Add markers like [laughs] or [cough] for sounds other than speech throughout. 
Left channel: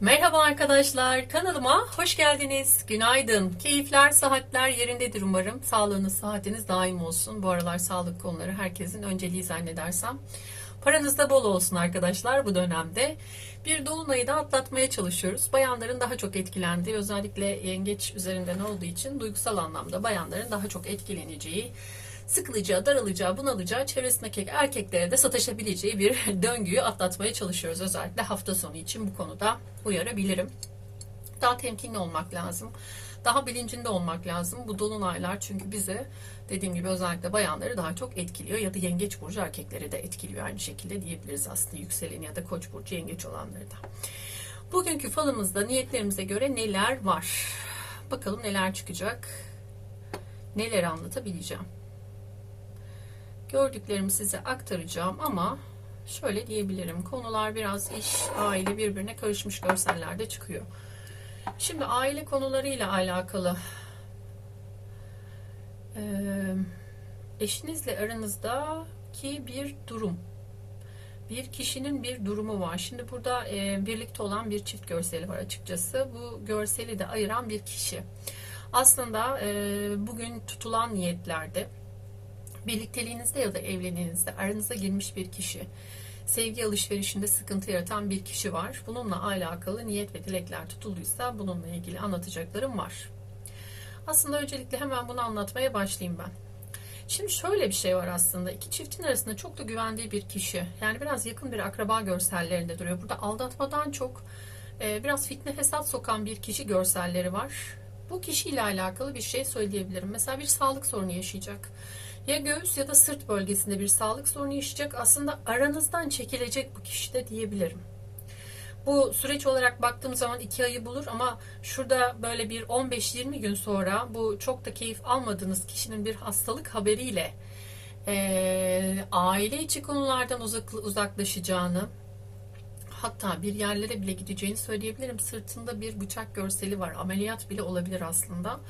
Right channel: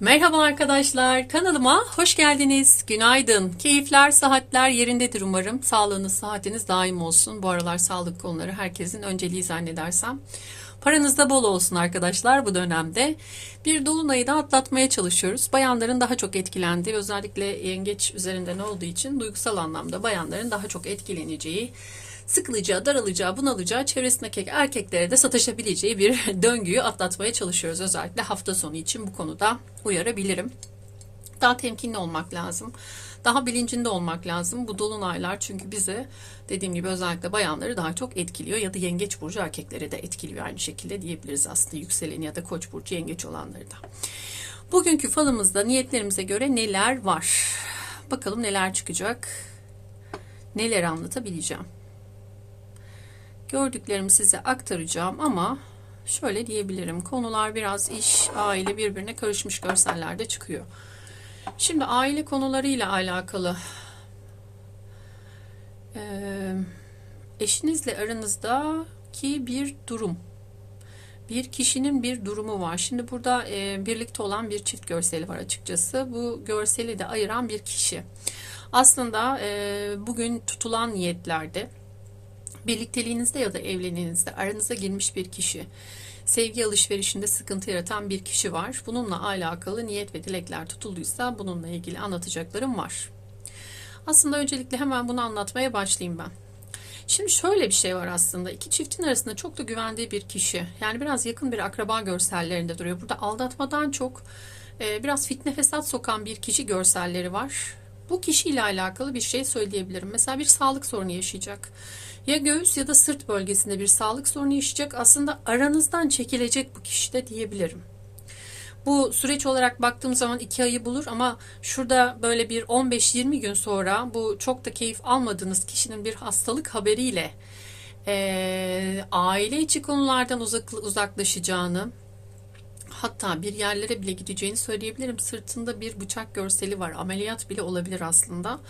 Merhaba arkadaşlar, kanalıma hoş geldiniz. Günaydın. Keyifler, saatler yerindedir umarım. Sağlığınız, saatiniz daim olsun. Bu aralar sağlık konuları herkesin önceliği zannedersem. Paranız da bol olsun arkadaşlar bu dönemde. Bir dolunayı da atlatmaya çalışıyoruz. Bayanların daha çok etkilendiği, özellikle yengeç üzerinden olduğu için duygusal anlamda bayanların daha çok etkileneceği, sıkılacağı, daralacağı, bunalacağı, çevresindeki erkeklere de sataşabileceği bir [laughs] döngüyü atlatmaya çalışıyoruz. Özellikle hafta sonu için bu konuda uyarabilirim. Daha temkinli olmak lazım. Daha bilincinde olmak lazım. Bu dolunaylar çünkü bizi dediğim gibi özellikle bayanları daha çok etkiliyor ya da yengeç burcu erkekleri de etkiliyor aynı şekilde diyebiliriz aslında yükseleni ya da koç burcu yengeç olanları da. Bugünkü falımızda niyetlerimize göre neler var? Bakalım neler çıkacak? Neler anlatabileceğim? Gördüklerimi size aktaracağım ama şöyle diyebilirim. Konular biraz iş, aile birbirine karışmış görsellerde çıkıyor. Şimdi aile konularıyla alakalı eee, eşinizle aranızdaki bir durum, bir kişinin bir durumu var. Şimdi burada eee, birlikte olan bir çift görseli var açıkçası. Bu görseli de ayıran bir kişi. Aslında eee, bugün tutulan niyetlerde birlikteliğinizde ya da evliliğinizde aranıza girmiş bir kişi, sevgi alışverişinde sıkıntı yaratan bir kişi var. Bununla alakalı niyet ve dilekler tutulduysa bununla ilgili anlatacaklarım var. Aslında öncelikle hemen bunu anlatmaya başlayayım ben. Şimdi şöyle bir şey var aslında. iki çiftin arasında çok da güvendiği bir kişi. Yani biraz yakın bir akraba görsellerinde duruyor. Burada aldatmadan çok e, biraz fitne fesat sokan bir kişi görselleri var. Bu kişiyle alakalı bir şey söyleyebilirim. Mesela bir sağlık sorunu yaşayacak. Ya göğüs ya da sırt bölgesinde bir sağlık sorunu yaşayacak. Aslında aranızdan çekilecek bu kişi de diyebilirim. Bu süreç olarak baktığım zaman iki ayı bulur ama şurada böyle bir 15-20 gün sonra bu çok da keyif almadığınız kişinin bir hastalık haberiyle eee, aile içi konulardan uzak, uzaklaşacağını hatta bir yerlere bile gideceğini söyleyebilirim. Sırtında bir bıçak görseli var. Ameliyat bile olabilir aslında.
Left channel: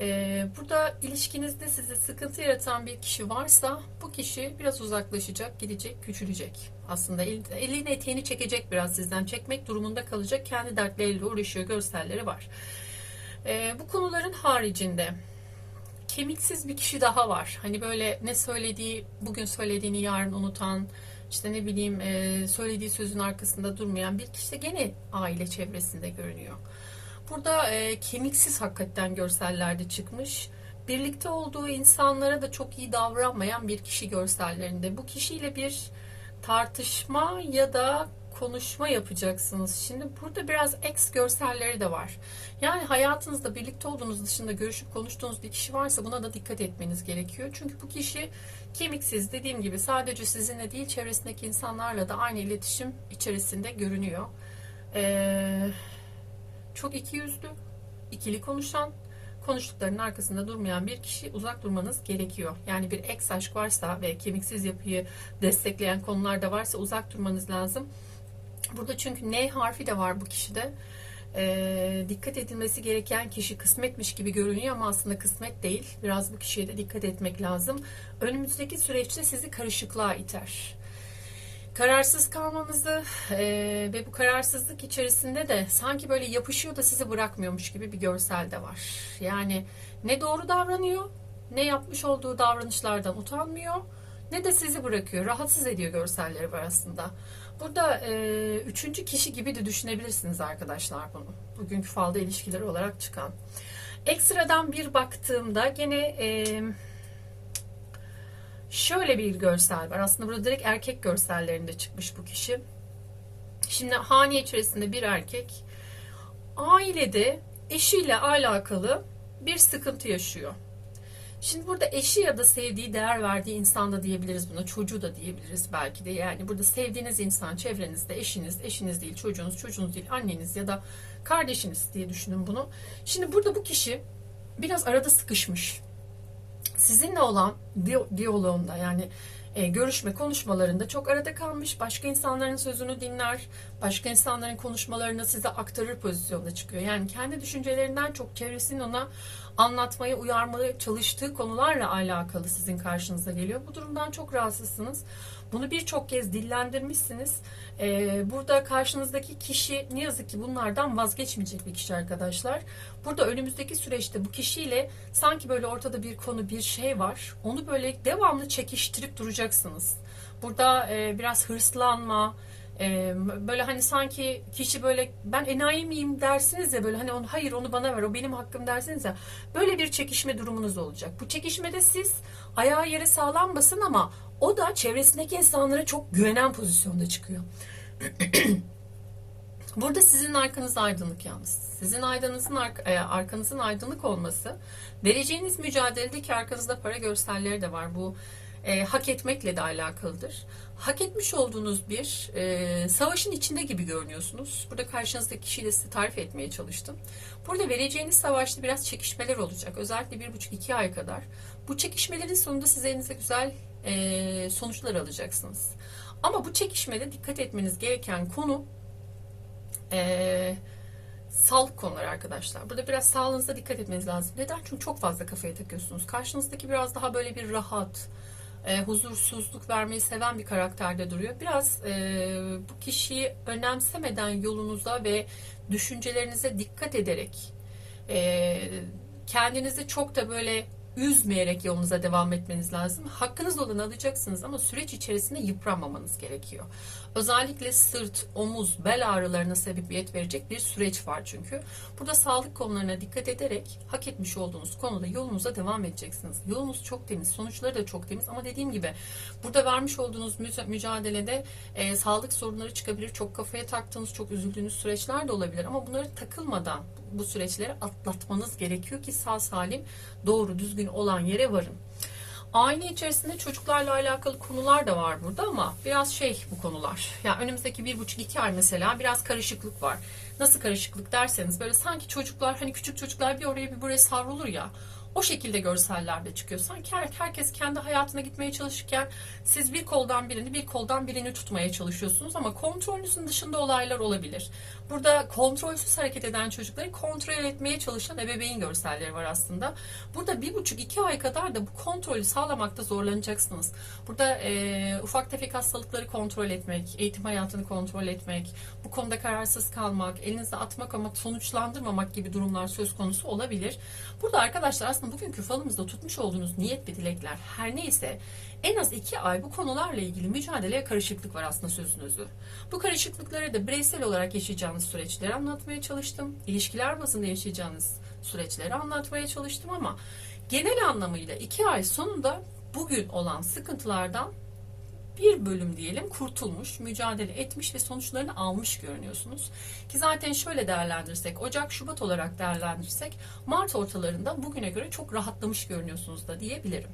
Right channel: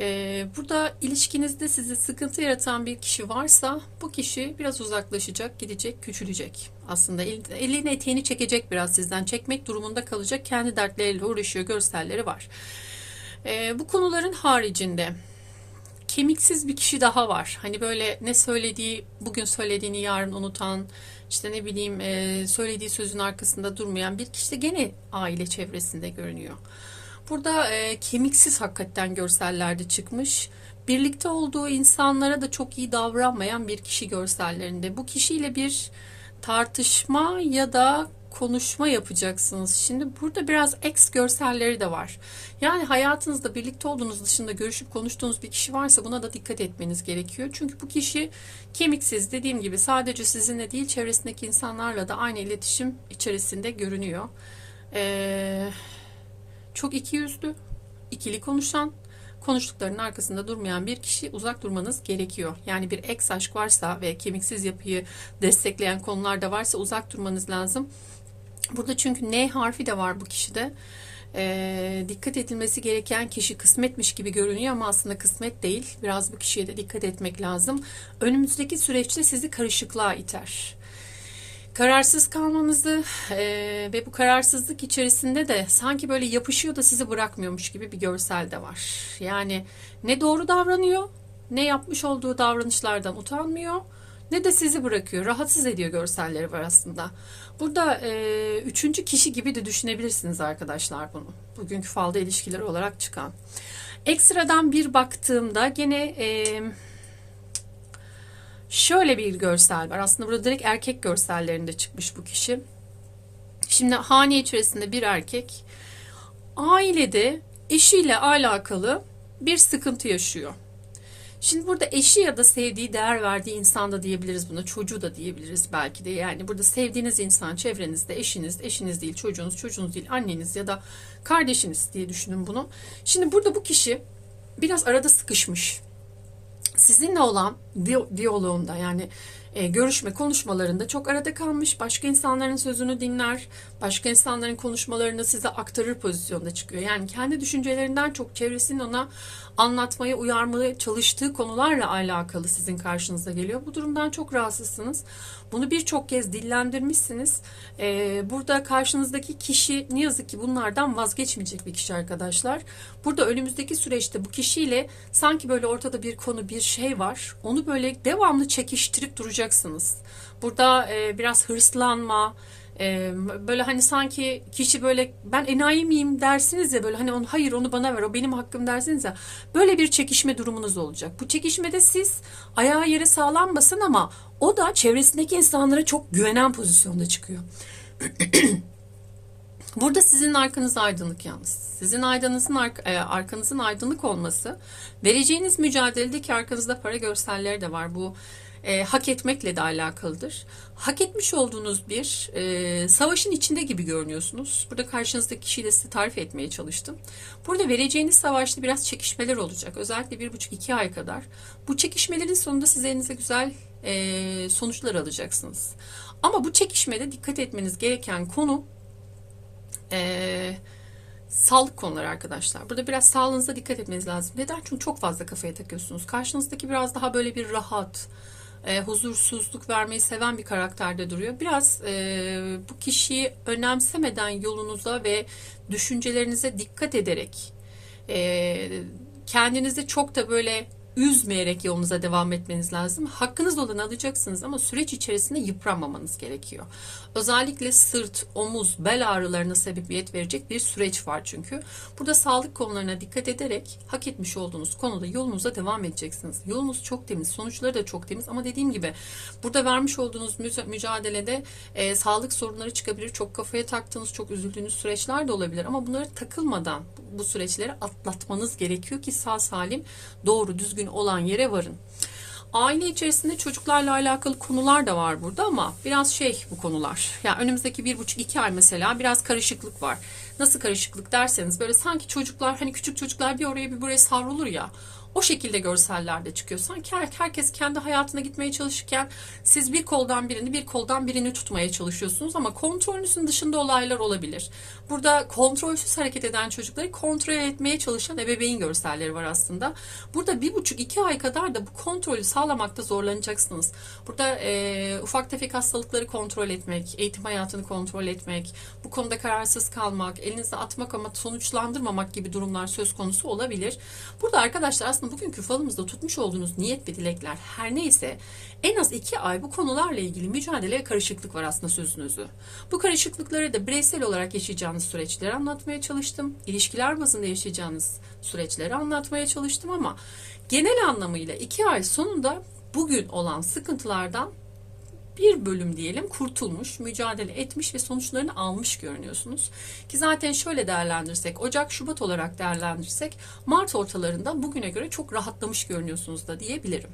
Ee, burada ilişkinizde size sıkıntı yaratan bir kişi varsa bu kişi biraz uzaklaşacak, gidecek, küçülecek. Aslında el, elini eteğini çekecek biraz sizden. Çekmek durumunda kalacak. Kendi dertleriyle uğraşıyor görselleri var. Ee, bu konuların haricinde kemiksiz bir kişi daha var. Hani böyle ne söylediği, bugün söylediğini yarın unutan, işte ne bileyim e, söylediği sözün arkasında durmayan bir kişi de gene aile çevresinde görünüyor. Burada e, kemiksiz hakikaten görsellerde çıkmış. Birlikte olduğu insanlara da çok iyi davranmayan bir kişi görsellerinde. Bu kişiyle bir tartışma ya da konuşma yapacaksınız. Şimdi burada biraz ex görselleri de var. Yani hayatınızda birlikte olduğunuz dışında görüşüp konuştuğunuz bir kişi varsa buna da dikkat etmeniz gerekiyor. Çünkü bu kişi kemiksiz dediğim gibi sadece sizinle değil çevresindeki insanlarla da aynı iletişim içerisinde görünüyor. Eee çok iki yüzlü, ikili konuşan, konuştuklarının arkasında durmayan bir kişi uzak durmanız gerekiyor. Yani bir ex aşk varsa ve kemiksiz yapıyı destekleyen konular da varsa uzak durmanız lazım. Burada çünkü N harfi de var bu kişide. Ee, dikkat edilmesi gereken kişi kısmetmiş gibi görünüyor ama aslında kısmet değil. Biraz bu kişiye de dikkat etmek lazım. Önümüzdeki süreçte sizi karışıklığa iter kararsız kalmanızı e, ve bu kararsızlık içerisinde de sanki böyle yapışıyor da sizi bırakmıyormuş gibi bir görsel de var. Yani ne doğru davranıyor, ne yapmış olduğu davranışlardan utanmıyor, ne de sizi bırakıyor, rahatsız ediyor görselleri var aslında. Burada e, üçüncü kişi gibi de düşünebilirsiniz arkadaşlar bunu. Bugünkü falda ilişkileri olarak çıkan. Ekstradan bir baktığımda gene... E, Şöyle bir görsel var. Aslında burada direkt erkek görsellerinde çıkmış bu kişi. Şimdi hane içerisinde bir erkek ailede eşiyle alakalı bir sıkıntı yaşıyor. Şimdi burada eşi ya da sevdiği, değer verdiği insan da diyebiliriz buna. Çocuğu da diyebiliriz belki de. Yani burada sevdiğiniz insan çevrenizde eşiniz, eşiniz değil, çocuğunuz, çocuğunuz değil, anneniz ya da kardeşiniz diye düşünün bunu. Şimdi burada bu kişi biraz arada sıkışmış sizinle olan diyaloğunda yani e, görüşme konuşmalarında çok arada kalmış, başka insanların sözünü dinler, başka insanların konuşmalarını size aktarır pozisyonda çıkıyor. Yani kendi düşüncelerinden çok çevresinin ona anlatmaya, uyarmaya çalıştığı konularla alakalı sizin karşınıza geliyor. Bu durumdan çok rahatsızsınız. Bunu birçok kez dillendirmişsiniz. Ee, burada karşınızdaki kişi ne yazık ki bunlardan vazgeçmeyecek bir kişi arkadaşlar. Burada önümüzdeki süreçte bu kişiyle sanki böyle ortada bir konu, bir şey var. Onu böyle devamlı çekiştirip duracaksınız. Burada e, biraz hırslanma, ee, böyle hani sanki kişi böyle ben enayi miyim dersiniz ya böyle hani onu hayır onu bana ver o benim hakkım dersiniz ya böyle bir çekişme durumunuz olacak. Bu çekişmede siz ayağı yere sağlam basın ama o da çevresindeki insanlara çok güvenen pozisyonda çıkıyor. [clears throat] Burada sizin arkanız aydınlık yalnız. Sizin aydınızın arkanızın aydınlık olması, vereceğiniz mücadeledeki arkanızda para görselleri de var. Bu e, hak etmekle de alakalıdır. Hak etmiş olduğunuz bir e, savaşın içinde gibi görünüyorsunuz. Burada karşınızdaki kişiyi de size tarif etmeye çalıştım. Burada vereceğiniz savaşta biraz çekişmeler olacak. Özellikle bir buçuk iki ay kadar. Bu çekişmelerin sonunda siz elinize güzel e, sonuçlar alacaksınız. Ama bu çekişmede dikkat etmeniz gereken konu e, sağlık konuları arkadaşlar. Burada biraz sağlığınıza dikkat etmeniz lazım. Neden? Çünkü çok fazla kafaya takıyorsunuz. Karşınızdaki biraz daha böyle bir rahat, e, huzursuzluk vermeyi seven bir karakterde duruyor. Biraz e, bu kişiyi önemsemeden yolunuza ve düşüncelerinize dikkat ederek e, kendinizi çok da böyle üzmeyerek yolunuza devam etmeniz lazım. Hakkınız olanı alacaksınız ama süreç içerisinde yıpranmamanız gerekiyor. Özellikle sırt, omuz, bel ağrılarına sebebiyet verecek bir süreç var çünkü. Burada sağlık konularına dikkat ederek hak etmiş olduğunuz konuda yolunuza devam edeceksiniz. Yolunuz çok temiz, sonuçları da çok temiz ama dediğim gibi burada vermiş olduğunuz mücadelede e, sağlık sorunları çıkabilir. Çok kafaya taktığınız, çok üzüldüğünüz süreçler de olabilir ama bunları takılmadan bu süreçleri atlatmanız gerekiyor ki sağ salim doğru düzgün olan yere varın. Aile içerisinde çocuklarla alakalı konular da var burada ama biraz şey bu konular. Yani önümüzdeki bir buçuk iki ay mesela biraz karışıklık var. Nasıl karışıklık derseniz böyle sanki çocuklar hani küçük çocuklar bir oraya bir buraya savrulur ya. O şekilde görsellerde çıkıyor. Sanki herkes kendi hayatına gitmeye çalışırken siz bir koldan birini bir koldan birini tutmaya çalışıyorsunuz ama kontrolünüzün dışında olaylar olabilir. Burada kontrolsüz hareket eden çocukları kontrol etmeye çalışan ebeveyn görselleri var aslında. Burada bir buçuk iki ay kadar da bu kontrolü sağlamakta zorlanacaksınız. Burada e, ufak tefek hastalıkları kontrol etmek, eğitim hayatını kontrol etmek, bu konuda kararsız kalmak, elinize atmak ama sonuçlandırmamak gibi durumlar söz konusu olabilir. Burada arkadaşlar aslında bugünkü falımızda tutmuş olduğunuz niyet ve dilekler her neyse en az iki ay bu konularla ilgili mücadele karışıklık var aslında sözünüzü. Bu karışıklıkları da bireysel olarak yaşayacağınız süreçleri anlatmaya çalıştım. İlişkiler bazında yaşayacağınız süreçleri anlatmaya çalıştım ama genel anlamıyla iki ay sonunda bugün olan sıkıntılardan bir bölüm diyelim kurtulmuş, mücadele etmiş ve sonuçlarını almış görünüyorsunuz. Ki zaten şöyle değerlendirsek, Ocak, Şubat olarak değerlendirsek Mart ortalarında bugüne göre çok rahatlamış görünüyorsunuz da diyebilirim.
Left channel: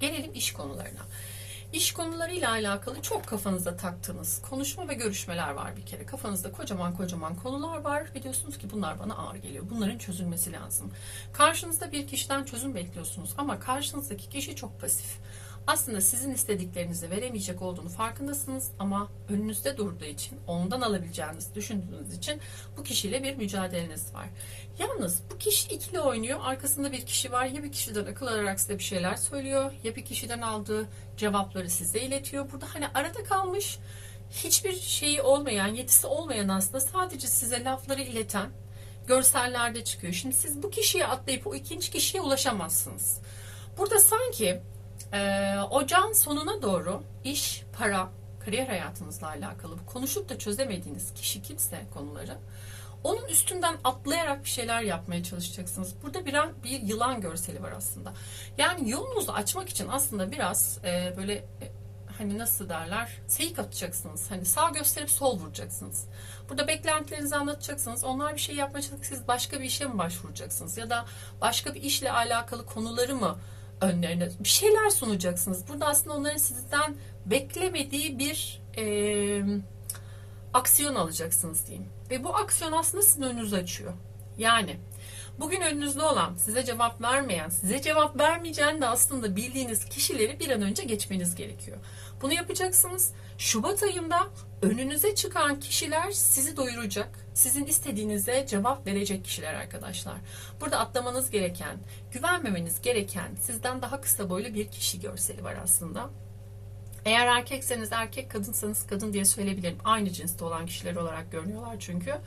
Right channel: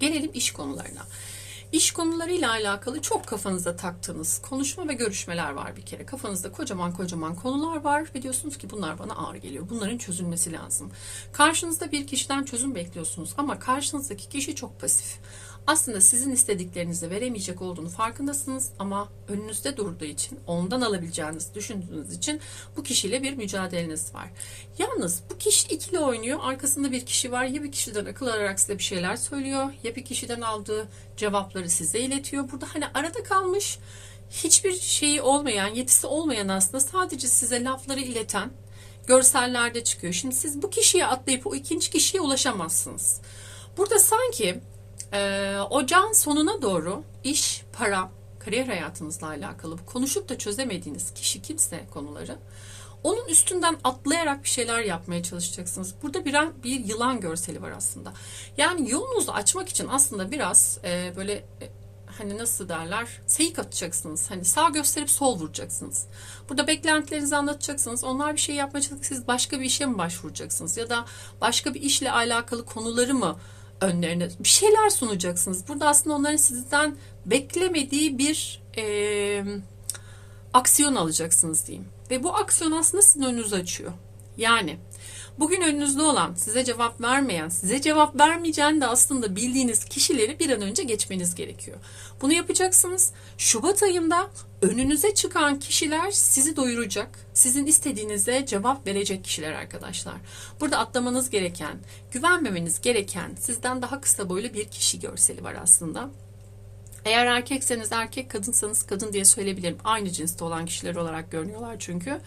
Gelelim iş konularına. İş konularıyla alakalı çok kafanıza taktığınız konuşma ve görüşmeler var bir kere. Kafanızda kocaman kocaman konular var ve diyorsunuz ki bunlar bana ağır geliyor. Bunların çözülmesi lazım. Karşınızda bir kişiden çözüm bekliyorsunuz ama karşınızdaki kişi çok pasif aslında sizin istediklerinizi veremeyecek olduğunu farkındasınız ama önünüzde durduğu için ondan alabileceğinizi düşündüğünüz için bu kişiyle bir mücadeleniz var. Yalnız bu kişi ikili oynuyor. Arkasında bir kişi var. Ya bir kişiden akıl alarak size bir şeyler söylüyor ya bir kişiden aldığı cevapları size iletiyor. Burada hani arada kalmış hiçbir şeyi olmayan, yetisi olmayan aslında sadece size lafları ileten görsellerde çıkıyor. Şimdi siz bu kişiye atlayıp o ikinci kişiye ulaşamazsınız. Burada sanki ee, ocağın sonuna doğru iş, para, kariyer hayatınızla alakalı konuşup da çözemediğiniz kişi kimse konuları onun üstünden atlayarak bir şeyler yapmaya çalışacaksınız. Burada bir, bir yılan görseli var aslında. Yani yolunuzu açmak için aslında biraz e, böyle e, hani nasıl derler seyik atacaksınız. Hani sağ gösterip sol vuracaksınız. Burada beklentilerinizi anlatacaksınız. Onlar bir şey yapmaya çalışacak. Siz başka bir işe mi başvuracaksınız? Ya da başka bir işle alakalı konuları mı önlerine bir şeyler sunacaksınız. Burada aslında onların sizden beklemediği bir e, aksiyon alacaksınız diyeyim. Ve bu aksiyon aslında sizin önünüzü açıyor. Yani Bugün önünüzde olan, size cevap vermeyen, size cevap vermeyeceğini de aslında bildiğiniz kişileri bir an önce geçmeniz gerekiyor. Bunu yapacaksınız. Şubat ayında önünüze çıkan kişiler sizi doyuracak. Sizin istediğinize cevap verecek kişiler arkadaşlar. Burada atlamanız gereken, güvenmemeniz gereken sizden daha kısa boylu bir kişi görseli var aslında. Eğer erkekseniz erkek, kadınsanız kadın diye söyleyebilirim. Aynı cinste olan kişiler olarak görünüyorlar çünkü.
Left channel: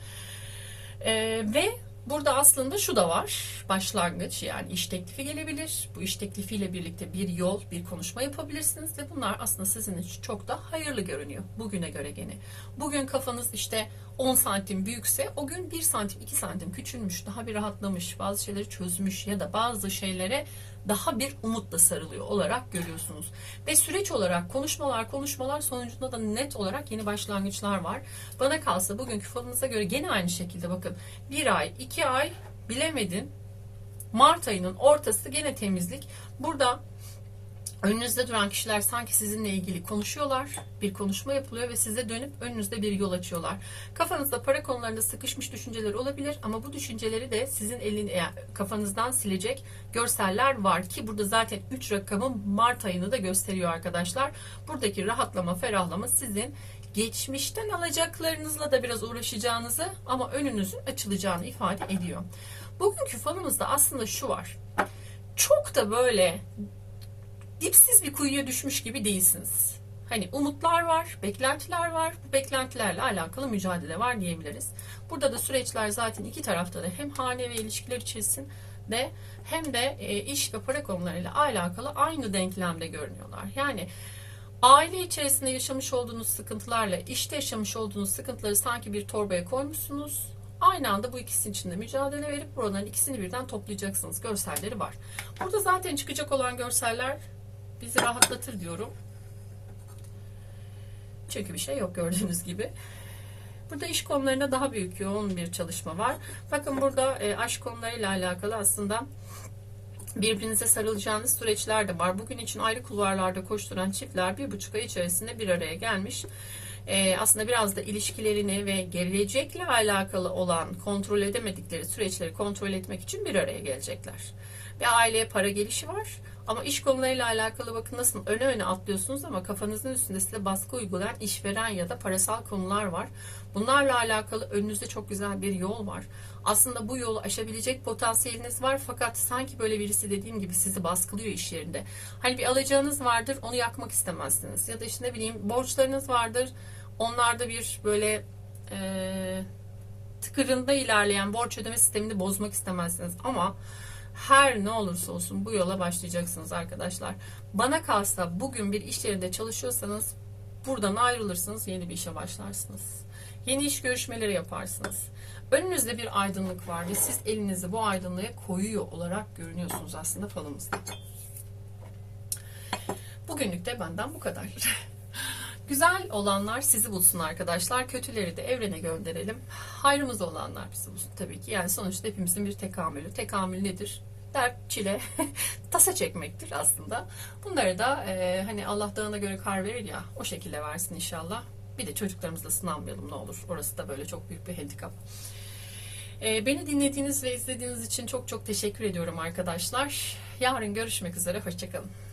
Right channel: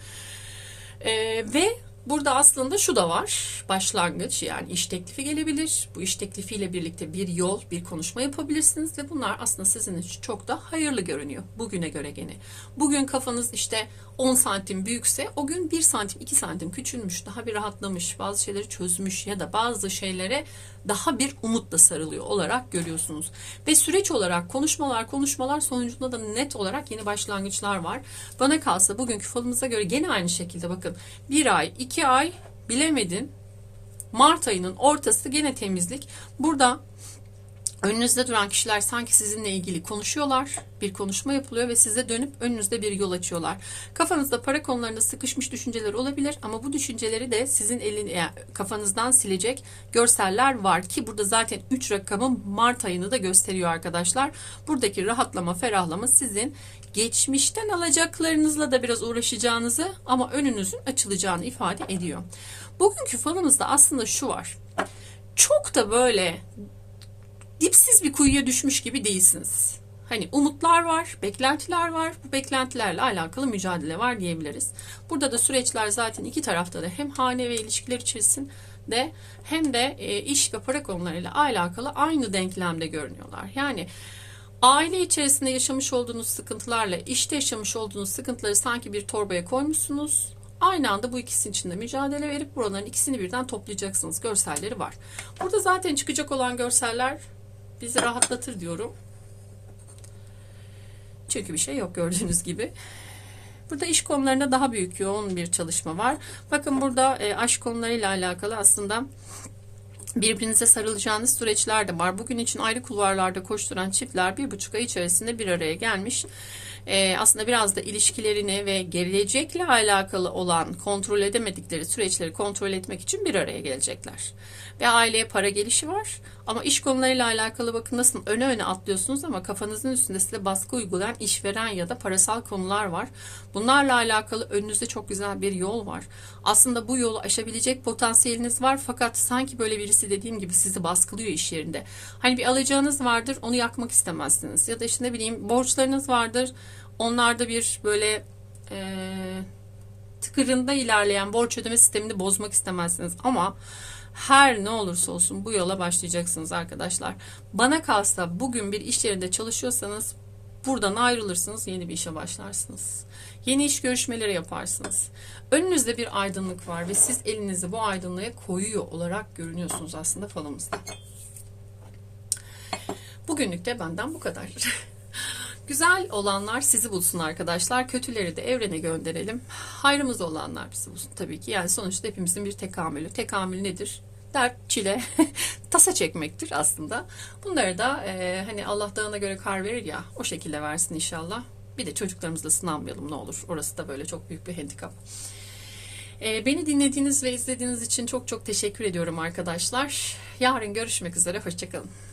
Ee, ve burada aslında şu da var. Başlangıç yani iş teklifi gelebilir. Bu iş teklifiyle birlikte bir yol, bir konuşma yapabilirsiniz ve bunlar aslında sizin için çok da hayırlı görünüyor. Bugüne göre gene. Bugün kafanız işte 10 santim büyükse o gün 1 santim 2 santim küçülmüş, daha bir rahatlamış, bazı şeyleri çözmüş ya da bazı şeylere daha bir umutla sarılıyor olarak görüyorsunuz. Ve süreç olarak konuşmalar konuşmalar sonucunda da net olarak yeni başlangıçlar var. Bana kalsa bugünkü falımıza göre gene aynı şekilde bakın bir ay iki ay bilemedin Mart ayının ortası gene temizlik. Burada Önünüzde duran kişiler sanki sizinle ilgili konuşuyorlar. Bir konuşma yapılıyor ve size dönüp önünüzde bir yol açıyorlar. Kafanızda para konularında sıkışmış düşünceler olabilir ama bu düşünceleri de sizin elin yani kafanızdan silecek görseller var ki burada zaten 3 rakamın Mart ayını da gösteriyor arkadaşlar. Buradaki rahatlama, ferahlama sizin geçmişten alacaklarınızla da biraz uğraşacağınızı ama önünüzün açılacağını ifade ediyor. Bugünkü falımızda aslında şu var. Çok da böyle dipsiz bir kuyuya düşmüş gibi değilsiniz. Hani umutlar var, beklentiler var. Bu beklentilerle alakalı mücadele var diyebiliriz. Burada da süreçler zaten iki tarafta da hem hane ve ilişkiler içerisinde hem de e, iş ve para konularıyla alakalı aynı denklemde görünüyorlar. Yani aile içerisinde yaşamış olduğunuz sıkıntılarla işte yaşamış olduğunuz sıkıntıları sanki bir torbaya koymuşsunuz. Aynı anda bu ikisinin içinde mücadele verip buraların ikisini birden toplayacaksınız. Görselleri var. Burada zaten çıkacak olan görseller bizi rahatlatır diyorum. Çünkü bir şey yok gördüğünüz gibi. Burada iş konularında daha büyük yoğun bir çalışma var. Bakın burada e, aşk konularıyla alakalı aslında birbirinize sarılacağınız süreçler de var. Bugün için ayrı kulvarlarda koşturan çiftler bir buçuk ay içerisinde bir araya gelmiş. Ee, aslında biraz da ilişkilerini ve gelecekle alakalı olan kontrol edemedikleri süreçleri kontrol etmek için bir araya gelecekler. Ve aileye para gelişi var. Ama iş konularıyla alakalı bakın nasıl öne öne atlıyorsunuz ama kafanızın üstünde size baskı uygulayan işveren ya da parasal konular var. Bunlarla alakalı önünüzde çok güzel bir yol var. Aslında bu yolu aşabilecek potansiyeliniz var fakat sanki böyle birisi dediğim gibi sizi baskılıyor iş yerinde. Hani bir alacağınız vardır onu yakmak istemezsiniz. Ya da işte ne bileyim borçlarınız vardır. Onlarda bir böyle e, tıkırında ilerleyen borç ödeme sistemini bozmak istemezsiniz. Ama her ne olursa olsun bu yola başlayacaksınız arkadaşlar. Bana kalsa bugün bir iş yerinde çalışıyorsanız buradan ayrılırsınız, yeni bir işe başlarsınız. Yeni iş görüşmeleri yaparsınız. Önünüzde bir aydınlık var ve siz elinizi bu aydınlığa koyuyor olarak görünüyorsunuz aslında falımızda. Bugünlük de benden bu kadar. [laughs] Güzel olanlar sizi bulsun arkadaşlar. Kötüleri de evrene gönderelim. Hayrımız olanlar bizi bulsun tabii ki. Yani sonuçta hepimizin bir tekamülü. Tekamül nedir? Dert, çile, [laughs] tasa çekmektir aslında. Bunları da e, hani Allah dağına göre kar verir ya o şekilde versin inşallah. Bir de çocuklarımızla sınanmayalım ne olur. Orası da böyle çok büyük bir handikap. E, beni dinlediğiniz ve izlediğiniz için çok çok teşekkür ediyorum arkadaşlar. Yarın görüşmek üzere. Hoşçakalın.